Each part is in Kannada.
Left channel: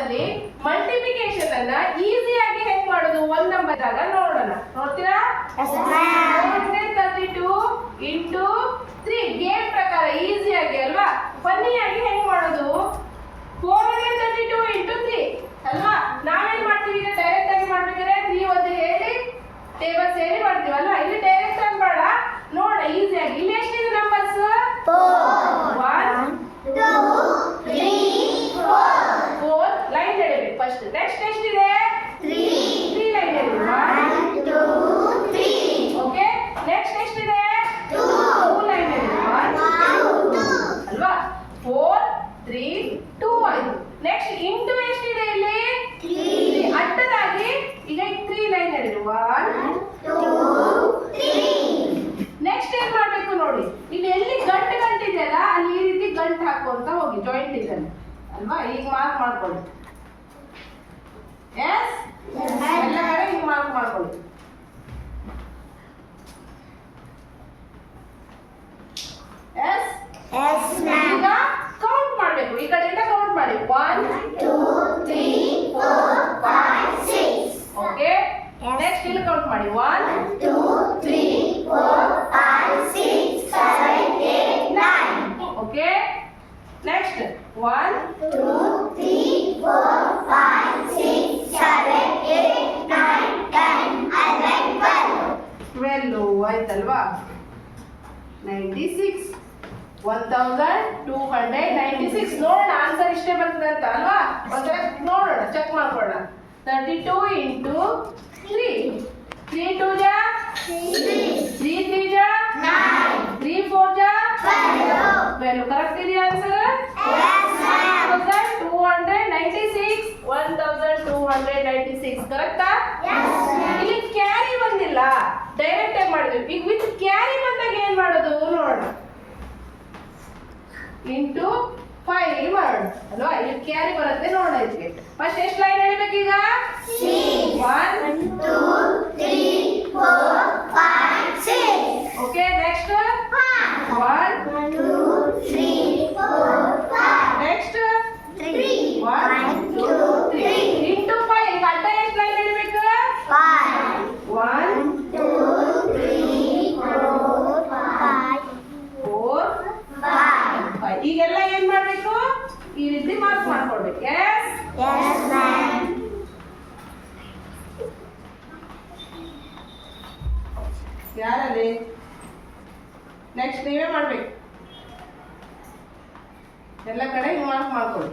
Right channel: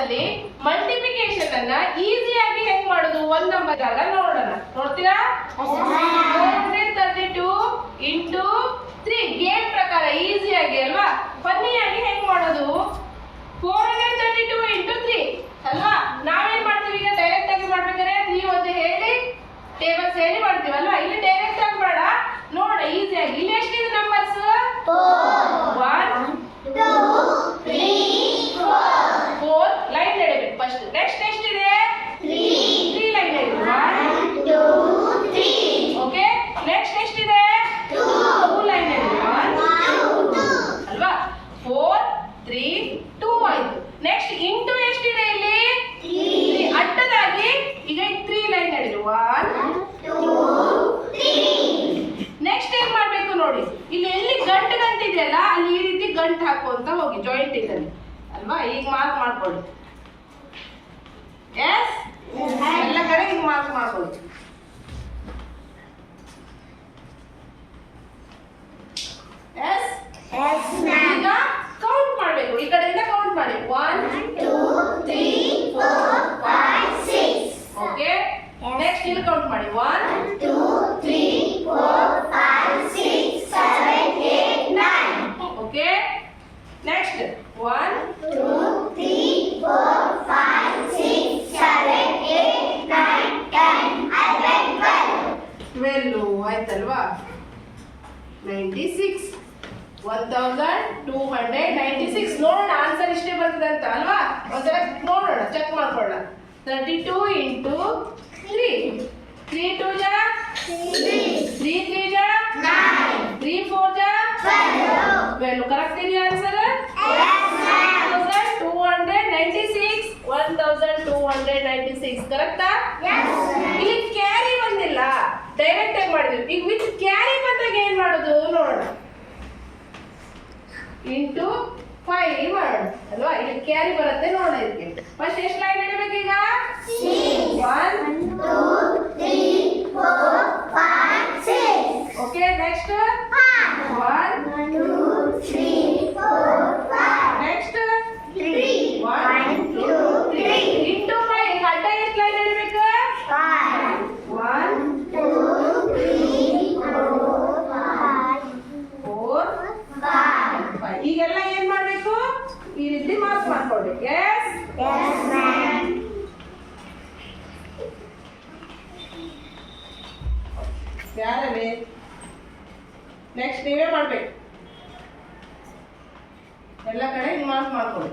ಅಲ್ಲಿ ಮಲ್ಟಿಪ್ಲಿಕೇಶನ್ ಅನ್ನ ಈಸಿಯಾಗಿ ಹೆಂಗ್ ಮಾಡೋದು ಒಂದ್ ನಂಬರ್ ಆಗ ನೋಡೋಣ. ನೋಡ್ತೀರಾ? 432 ಇಂಟು 3 ಗೇಮ್ ಪ್ರಕಾರ ಈಸಿಯಾಗಿ ಅಲ್ವಾ, ಫನ್ನಿಯಾಗಿ ಹೆಂಗ್ ಮಾಡೋದು. 432 ಇಂಟು 3 ಅಲ್ವಾ. ನಾವೇನ್ ಮಾಡ್ತೀವಿ ಈಗ ಡೈರೆಕ್ಟ್ ಆಗಿ ಮಾಡ್ಬೇಕಾದ್ರೆ 3 ಒಂದು ಹೇಳಿ ಟೇಬಲ್ಸ್ ಹೇಳಿ ಮಾಡ್ತೀವಿ ಅಲ್ವಾ. ಇಲ್ಲಿ ಡೈರೆಕ್ಟ್ ಆಗಿ ಮಾಡ ನೋಡ ಈಸಿಯಾಗಿ. ಇಲ್ಲಿ ಎಷ್ಟಿದೆ ನಂಬರ್ಸ್? 1 2 3 4 ಲೈನ್ ಎಳಿಬೇಕು ಫಸ್ಟ್. ನೆಕ್ಸ್ಟ್ ಎಷ್ಟಿದೆ? 3 ಲೈನ್ ಎಳಿಬೇಕು. 1 2 3 ಓಕೆ. ನೆಕ್ಸ್ಟ್ ಎಷ್ಟಿದೆ? 2 ಲೈನ್ ಎಳಿಬೇಕು. 1 2 ಅಲ್ವಾ. 4 3 2 ಆಯ್ತು. ನೆಕ್ಸ್ಟ್ ಇಂಟು ಎಷ್ಟಿದೆ ಇಲ್ಲಿ? 3 ಅಡ್ಡದಾಗಿ ಈಗ 3 ಲೈನ್ ಎಳಿಬೇಕು. 1 2 3 ನೆಕ್ಸ್ಟ್ ಏನ್ ಮಾಡ್ಬೇಕು ನೋಡಿ, ಇಲ್ಲಿ ಎಲ್ಲಿ ಗಂಟು ಇದೆಯಲ್ಲ ಅಲ್ಲಿ ಈ ರೀತಿ ಗಂಟು ಹಾಕುವಂತ ಹೋಗಿ ಜಾಯಿಂಟ್ ಇದೆ ಅಲ್ವಾ. ಈಗ ಮಾರ್ಕ್ ಮಾಡ್ಕೊಳ್ಳಿ. ಎಸ್ ಎಲ್ಲ ಕಡೆ ಈಗ ಮಾರ್ಕ್ ಮಾಡ್ಕೊಳ್ಳಿ. ಎಸ್ ಈಗ ಕೌಂಟ್ ಮಾಡ್ಬೇಕು. ಈ ಕಡೆಯಿಂದ ಕೌಂಟ್ ಮಾಡಿ. 1 2 3 4 5 6 ಓಕೆ. ನೆಕ್ಸ್ಟ್ ಇಲ್ಲಿ ಕೌಂಟ್ ಮಾಡಿ. 1 2 3 4 5 6 7 8 9 ಓಕೆ. ನೆಕ್ಸ್ಟ್ 1 2 3 4 5 6 7 8 9 10 11 12 ಆಯ್ತಲ್ವಾ. 96 1296 ನೋಡೋಣ ಆನ್ಸರ್ ಇಷ್ಟೇ ಬರ್ತದೆ ಅಂತ ಅಲ್ವಾ. ಒಂದ್ಸಲ ನೋಡೋಣ, ಚೆಕ್ ಮಾಡ್ಕೊಳ್ಳೋಣ. 32 ಇಂಟು 3 3 2 ಜಾ 3 3 ಜಾ 3 4 ಜಾ 12 ಕರೆಕ್ಟ್ ಇದೆಯಾ ಆನ್ಸರ್? 1296 ಕರೆಕ್ಟಾ? ಇಲ್ಲಿ ಕ್ಯಾರಿ ಬಂದಿಲ್ಲ, ಡೈರೆಕ್ಟ್ ಆಗಿ ಮಾಡಿದ್ವಿ. ಈಗ ವಿತ್ ಕ್ಯಾರಿ ಬಂದಾಗ ಏನ್ ಮಾಡೋದು ನೋಡೋಣ. ಇಂಟು 5 ಮಾಡೋಣ ಅಲ್ವಾ. ಇಲ್ಲಿ ಕ್ಯಾರಿ ಬರುತ್ತೆ ನೋಡೋಣ. ಇದಕ್ಕೆ ಫಸ್ಟ್ ಎಷ್ಟು ಲೈನ್ ಎಳಿಬೇಕು ಈಗ? 1 2 3 4 5 6 ಓಕೆ. ನೆಕ್ಸ್ಟ್ 1 2 3 4 5 ನೆಕ್ಸ್ಟ್ 3 1 2 3 ಇಂಟು 5 ಈಗ ಅಡ್ಡ ಎಷ್ಟು ಲೈನ್ ಎಳಿಬೇಕು? 1 2 3 4 5 ಈಗೆಲ್ಲ ಏನ್ ಮಾಡ್ಬೇಕು? ಈ ರೀತಿ ಮಾರ್ಕ್ ಮಾಡ್ಕೊಳ್ಬೇಕು. ಎಸ್ ಯಾರಲ್ಲಿ ನೆಕ್ಸ್ಟ್ ನೀವೇ ಮಾಡ್ಬೇಕು. ಎಲ್ಲ ಕಡೆ ಮಾರ್ಕ್ ಮಾಡ್ಕೊಳ್ಳಿ.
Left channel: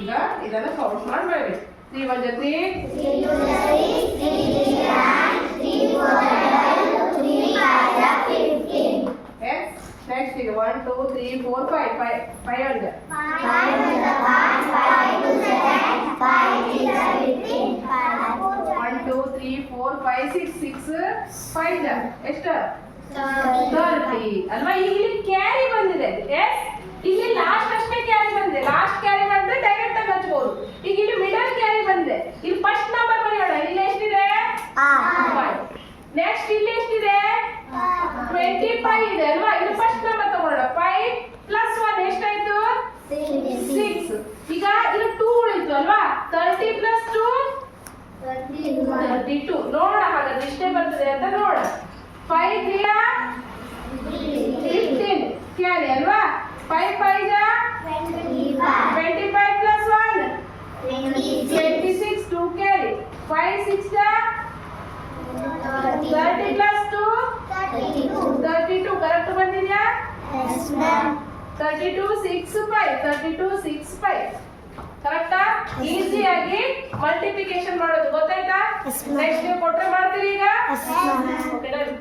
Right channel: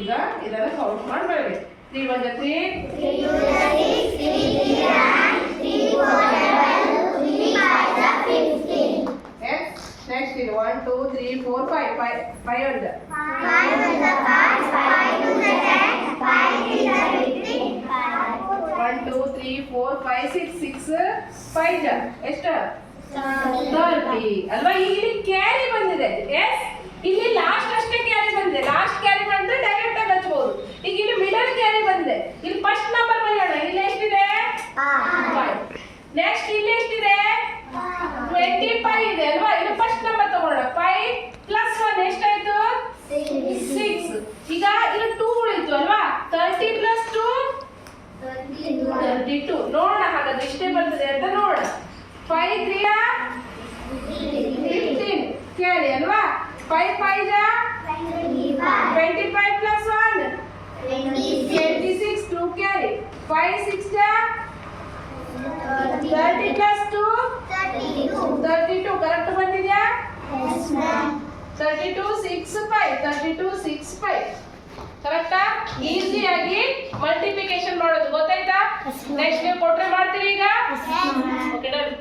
ಈಗ ಇದನ್ನ ಕೌಂಟ್ ಮಾಡಬೇಡಿ. 3 1 3 3 2 6 3 3 9 3 4 3 5 15 ನೆಕ್ಸ್ಟ್ ಇದು 1 2 3 4 5 5 1 1 2 3 4 5 6 5 ಎಷ್ಟು? 30 ಅಲ್ವಾ. ಇಲ್ಲಿ ಕ್ಯಾರಿ ಬಂದಿದೆ. ಎಸ್ ಇಲ್ಲಿ ಲಾಸ್ಟ್ ಅಷ್ಟೇ ಕ್ಯಾರಿ ಬಂದಿದೆ. ಲಾಸ್ಟ್ ಕ್ಯಾರಿ ಮಾಡಿದ್ರೆ ಡೈರೆಕ್ಟ್ ಆಗಿ ಹಚ್ಬಹುದು. ಈಗ ಇಲ್ಲಿ ಮಿಡಲ್ ಕ್ಯಾರಿ ಬಂದಿದೆ. ಇಲ್ಲಿ ಫಸ್ಟ್ ನಂಬರ್ ಬರೆಯೋಣ. ಇಲ್ಲಿ ಎಷ್ಟಿದೆ? 5. ನೆಕ್ಸ್ಟ್ ಇಲ್ಲಿ ಎಷ್ಟಿದೆ? 25 ಇದೆ ಅಲ್ವಾ. ಇಲ್ಲಿ ಫಸ್ಟ್ ನಂಬರ್ ತಗೊಳ್ಳೋಣ. 5 ಪ್ಲಸ್ 1 ಎಷ್ಟಾಯ್ತು? 6. ಈಗ ಇಲ್ಲಿ 2 ಉಳಿತು ಅಲ್ವಾ. 30 ಪ್ಲಸ್ 2 32 ನೋಡೋಣ. ಹಾಗಾದ್ರೆ ಇಷ್ಟೇ ಬರ್ತದೆ ಅಂತ ನೋಡೋಣ. 5 3 15 ಕ್ಯಾರಿ ಅಲ್ವಾ. 5 5 ಜಾ 25 ಪ್ಲಸ್ 1 26 2 ಕ್ಯಾರಿ. 5 6 ಜಾ 30 ಪ್ಲಸ್ 2 32 ಕರೆಕ್ಟ್ ಬಂದಿದ್ಯಾ? 32 6 5 32 6 5 ಕರೆಕ್ಟಾ? ಈಸಿಯಾಗಿ ಮಲ್ಟಿಪ್ಲಿಕೇಶನ್ ಮಾಡೋದು ಗೊತ್ತಾಯ್ತಾ? ನೆಕ್ಸ್ಟ್ ನೀವು ಕೊಟ್ರೆ ಮಾಡ್ತೀವಿ ಈಗ. Okay done.